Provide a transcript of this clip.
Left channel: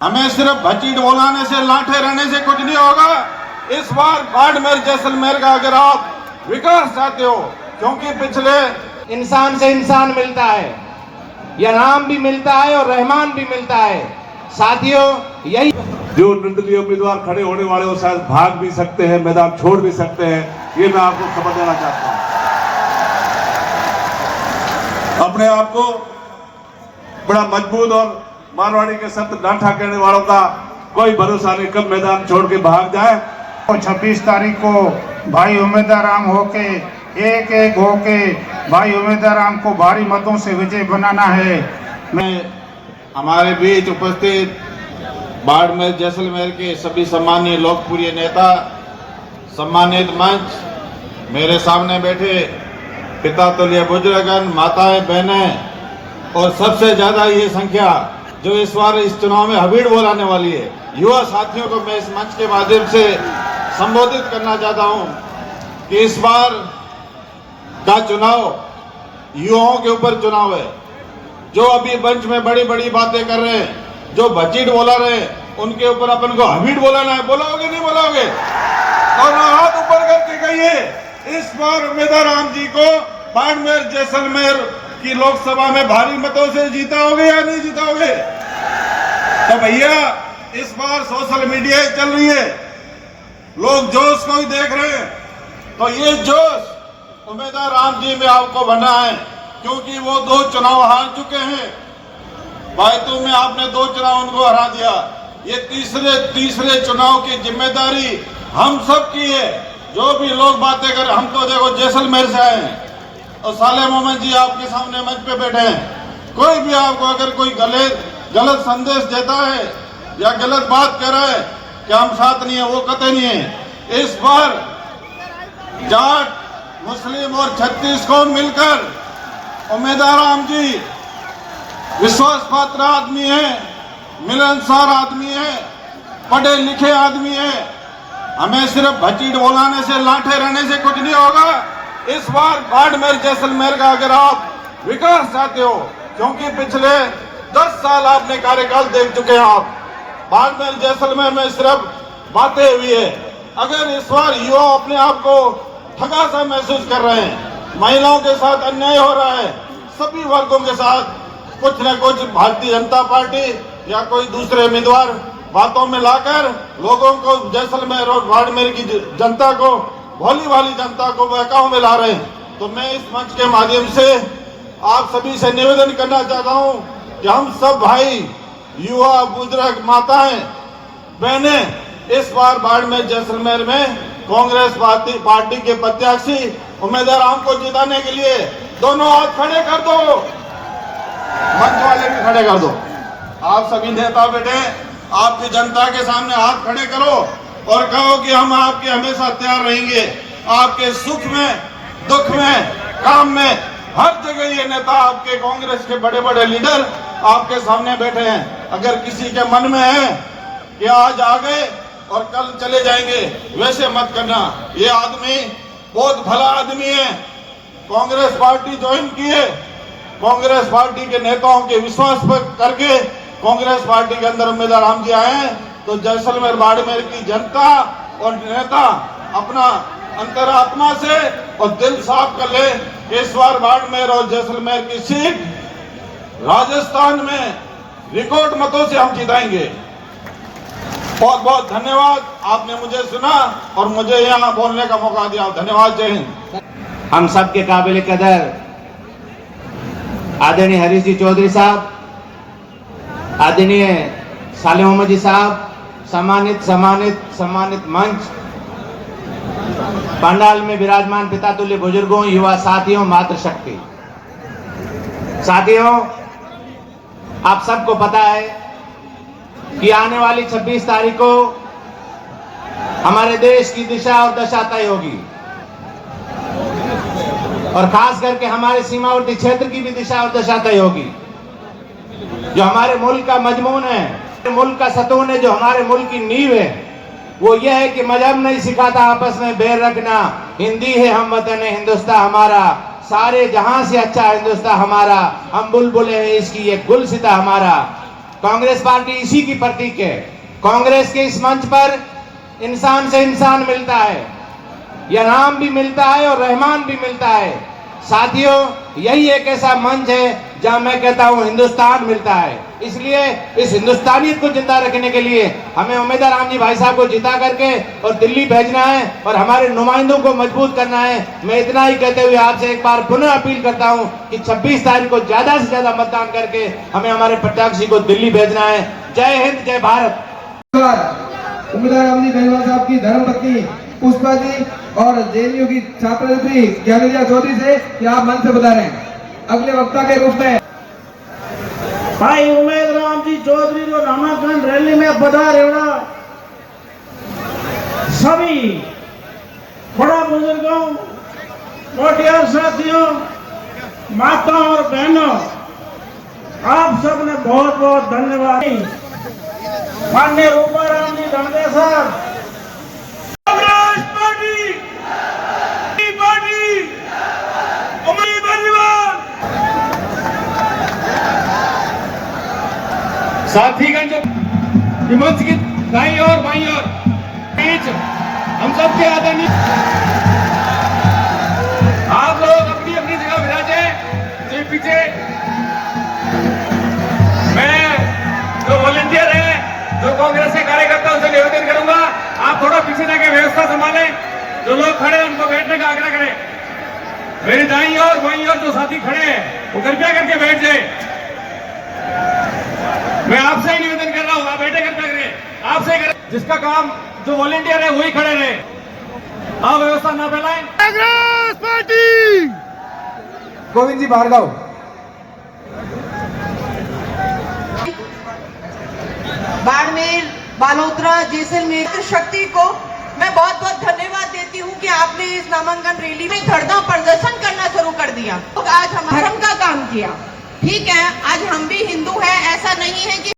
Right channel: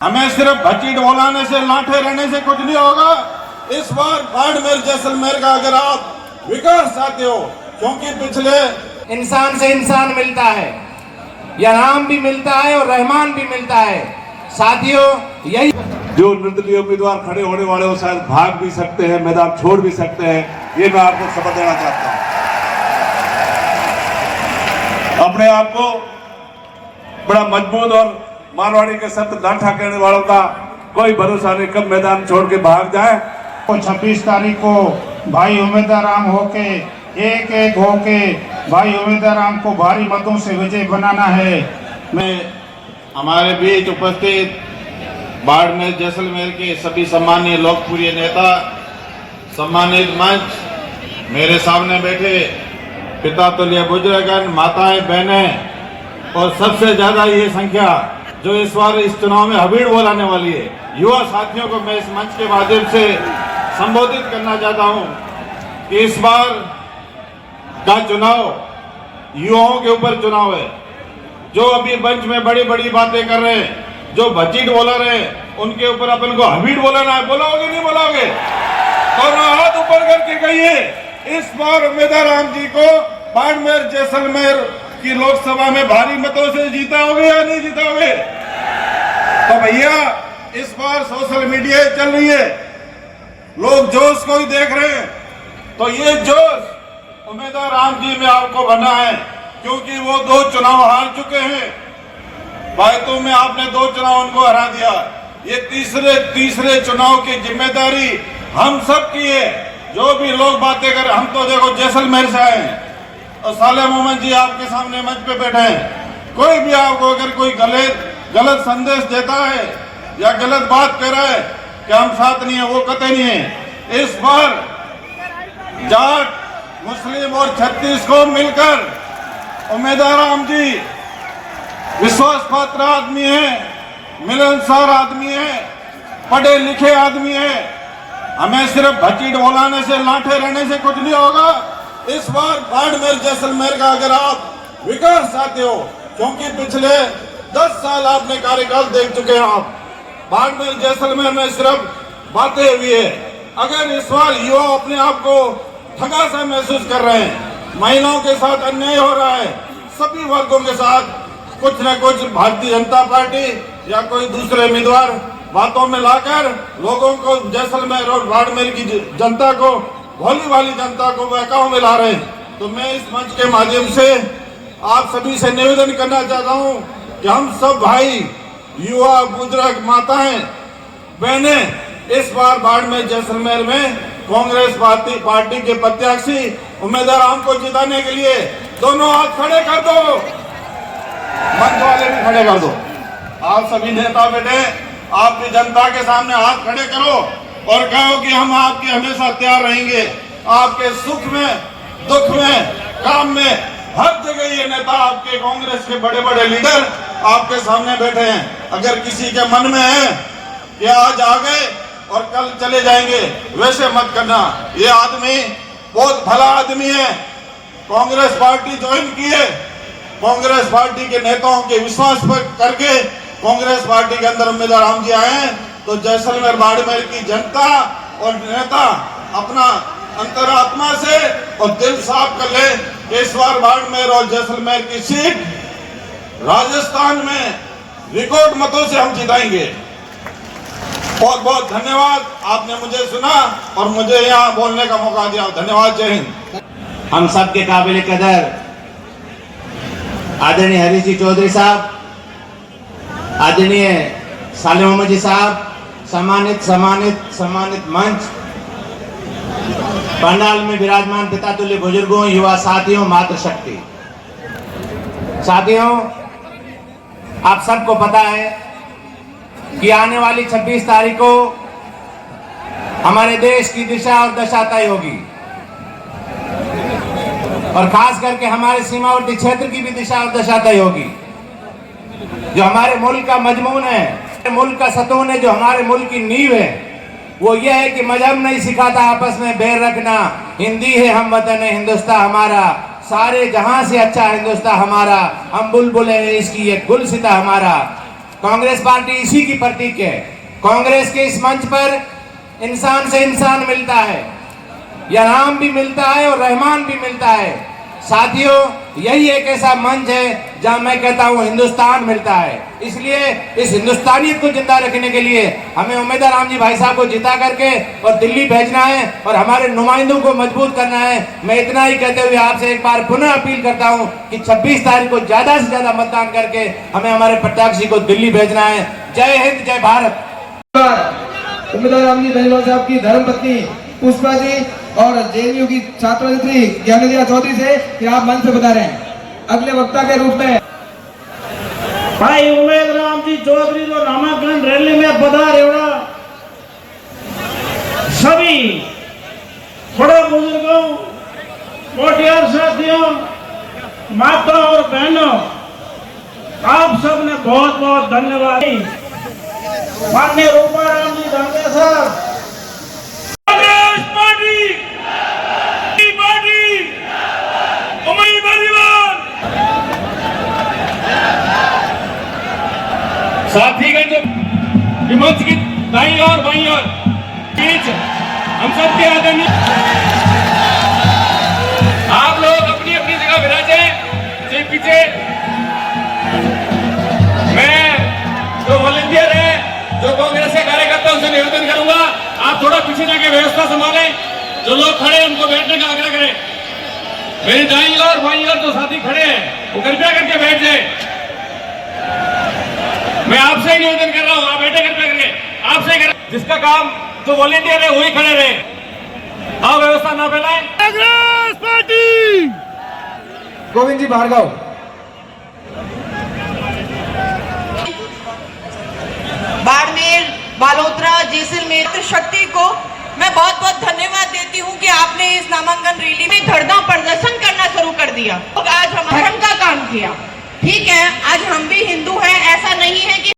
हमें सिर्फ भच्ची ढोलाने से लाठे रहने से कुछ नहीं होगा। इस बार बाड़मेर जैसलमेर का अगर आप विकास चाहते हो, क्योंकि पिछले इंसान से इंसान मिलता है, या राम भी मिलता है और रहमान भी मिलता है। साथियों, यही जो निर्दलीय उम्मीदवार खड़े होने वाले वो शायद भाग भी सकते हैं, मैदान छोड़ भी सकते हैं, ये मैं आपको खबर देना चाहता हूं। अपने आप को बड़ा मजबूत और मारवाड़ी के सत्य डांठा कहने वालों का कोई भरोसा नहीं, कब मैदान छोड़ के भाग जाए। तो 26 तारीख को भाई उम्मीदवार होके एक होके भाई उम्मीदवार को भारी मतों से विजय बनाना है। मैं हमारे बीच उपस्थित बाड़मेर जैसलमेर के सभी सम्मानीय लोकप्रिय नेता, सम्मानित मंच, मेरे सामने बैठे पिता तुल्य बुजुर्गन, माताएं, बहनें और सबसे ज्यादा ये संख्या जो इस बार इस चुनाव में हबीड़ बोलाने वाली है, युवा साथियों को मैं इस मंच के माध्यम से संबोधित करना चाहता हूं कि इस बार का चुनाव युवाओं के ऊपर चुनाव है। जो अभी मंच में बड़ी बड़ी बातें कर रहे हैं, जो भच्ची बोला रहे हैं, उनके ऊपर अपन को हबीड़ बोलाना है। बोलोगे नहीं बोलोगे? और हाथ ऊपर करके कहिए, इस बार उम्मीदवार राम जी को बाड़मेर जैसलमेर की लोकसभा में भारी मतों से जीताओगे या नहीं जीताओगे? तो भैया, इस बार सोशल मीडिया चल रही है, लोग जोश को ही देख रहे हैं, तो ये जोश उम्मीदवार राम जी में आपको बना है, क्योंकि वो 2 चुनाव हार चुके हैं। बायतू में आपने 2 चुनाव उनको हरा दिया। ये तीसरे चुनाव की जिम्मेदारी हम सब की है। जो भी लोग बातें करें, हम तो देखो जैसलमेर से आए हैं और साले मोहम्मद जी आपके सामने मंच पे बैठे हैं। कोई भी आपको अगर कोई गलत संदेश देता है या गलत बात कह रहा है कि हम साथ नहीं है, वो कतई नहीं है। इस बार जाट, मुस्लिम और छत्तीस को मिलकर उम्मीदवार राम जी विश्वास पात्र आदमी है, मिलनसार आदमी है, पढ़े लिखे आदमी है। हमें सिर्फ भच्ची ढोलाने से लाठे रहने से कुछ नहीं होगा। इस बार बाड़मेर जैसलमेर का अगर आप विकास चाहते हो, क्योंकि पिछले 10 साल आपने कार्यकाल देख चुके हैं, आप बाड़मेर जैसलमेर में सिर्फ बातें हुई है। अगर इस बार युवा अपने आप को ठगा सा महसूस कर रहे हैं, महिलाओं के साथ अन्याय हो रहा है, सभी वर्गों के साथ कुछ न कुछ भारतीय जनता पार्टी या कोई दूसरे उम्मीदवार बातों में लाकर लोगों को, जैसलमेर और बाड़मेर की जनता को, भोली वाली जनता को बहकाव में ला रहे हैं। तो मैं इस मंच के माध्यम से आप सभी से निवेदन करना चाहता हूं कि हम सब भाई, युवा, बुजुर्ग, माताएं, बहनें, इस बार बाड़मेर जैसलमेर में कांग्रेस पार्टी के प्रत्याशी उम्मीदवार राम को जिताने के लिए दोनों हाथ खड़े कर दो, मंच वाले भी खड़े कर दो। आप सभी नेता बैठे, आपकी जनता के सामने हाथ खड़े करो और कहो कि हम आपके हमेशा तैयार रहेंगे। आपके सुख में, दुख में, काम में, हर जगह ये नेता, आपके कांग्रेस के बड़े बड़े लीडर आपके सामने बैठे हैं। अगर किसी के मन में है कि आज आ गए और कल चले जाएंगे, वैसे मत करना। ये आदमी बहुत भला आदमी है, कांग्रेस पार्टी ज्वाइन की है, कांग्रेस पार्टी के नेताओं के विश्वास पर करके कांग्रेस पार्टी के अंदर उम्मीदवार राम जी आए हैं। तो जैसलमेर बाड़मेर की जनता और नेता अपना अंतरात्मा से और दिल साफ कर ले। इस बार बाड़मेर और जैसलमेर की सीट राजस्थान में रिकॉर्ड मतों से हम जिताएंगे। बहुत बहुत धन्यवाद, आपने मुझे सुना और मुझे यहाँ बोलने का मौका दिया। धन्यवाद, जय हिंद। हम सब के काबिल कदर आदरणीय हरीश जी चौधरी साहब, आदरणीय साले मोहम्मद जी साहब, सम्मानित मंच, पंडाल में विराजमान पिता तुल्य बुजुर्गों, युवा साथियों, मातृशक्ति साथियों, आप सबको पता है कि आने वाली 26 तारीख को हमारे देश की दिशा और दशा तय होगी, और खास करके हमारे सीमावर्ती क्षेत्र की भी दिशा और दशा तय होगी। जो हमारे मुल्क का मजमून है, मुल्क का सतून है, जो हमारे मुल्क की नींव है, वो यह है कि मजहब नहीं सिखाता आपस में बैर रखना। हिंदी है हम वतन है हिंदुस्तान हमारा, सारे जहां से अच्छा हिंदुस्तान हमारा, हम बुलबुल है इसकी ये गुलसिता हमारा। कांग्रेस पार्टी इसी की प्रतीक है। कांग्रेस के इस मंच पर इंसान से इंसान मिलता है, या राम भी मिलता है और रहमान भी मिलता है। साथियों, यही एक ऐसा मंच है जहां मैं कहता हूं हिंदुस्तान मिलता है। इसलिए इस हिंदुस्तानियत को जिंदा रखने के लिए हमें उम्मीदवार राम जी भाई साहब को जिता करके और दिल्ली भेजना है और हमारे नुमाइंदों को मजबूत करना है। मैं इतना ही कहते हुए आपसे एक बार पुनः अपील करता हूं कि 26 तारीख को ज्यादा से ज्यादा मतदान करके हमें हमारे प्रत्याशी को दिल्ली भेजना है। जय हिंद, जय भारत। उम्मीदवार राम जी पहलवान साहब की धर्मपत्नी पुष्पा जी और जेएनयू की छात्र नेत्री ज्ञानोदिया चौधरी से कि आप मंच से बता रहे हैं अगले वक्ता के रूप में। भाई उमेद राम जी चौधरी जो नामांकन रैली में पधारे सभी बड़ा बुजुर्गों, मोटियार साथियों, माताओं और बहनों, आप सबने बहुत बहुत धन्यवाद। माननीय रूपा राम जी भांगे साहब, साथीगण जो मंच की दाईं और बाईं और बीच हम सब के आदरणीय, आप लोग अपनी अपनी जगह विराजे। पीछे मैं जो वॉलंटियर है, जो कांग्रेस के कार्यकर्ता, उनसे निवेदन करूंगा आप थोड़ा पीछे जाके व्यवस्था संभालें। जो लोग खड़े हैं उनको बैठने का आग्रह करें। मेरी दाईं और बाईं और जो साथी खड़े हैं वो कृपया करके बैठ जाए। मैं आपसे ही निवेदन कर रहा हूं, आप बैठे करके आपसे कर, जिसका काम जो वॉलंटियर है वही खड़े रहे। आप व्यवस्था ना फैलाएं। कांग्रेस पार्टी। गोविंद जी भार्गव। बाड़मेर, बालोतरा, जैसलमेर शक्ति को मैं बहुत बहुत धन्यवाद देती हूँ कि आपने इस नामांकन रैली में धरना प्रदर्शन करना शुरू कर दिया। आज हम धर्म का काम किया। ठीक है, आज हम भी हिंदू हैं, ऐसा नहीं है कि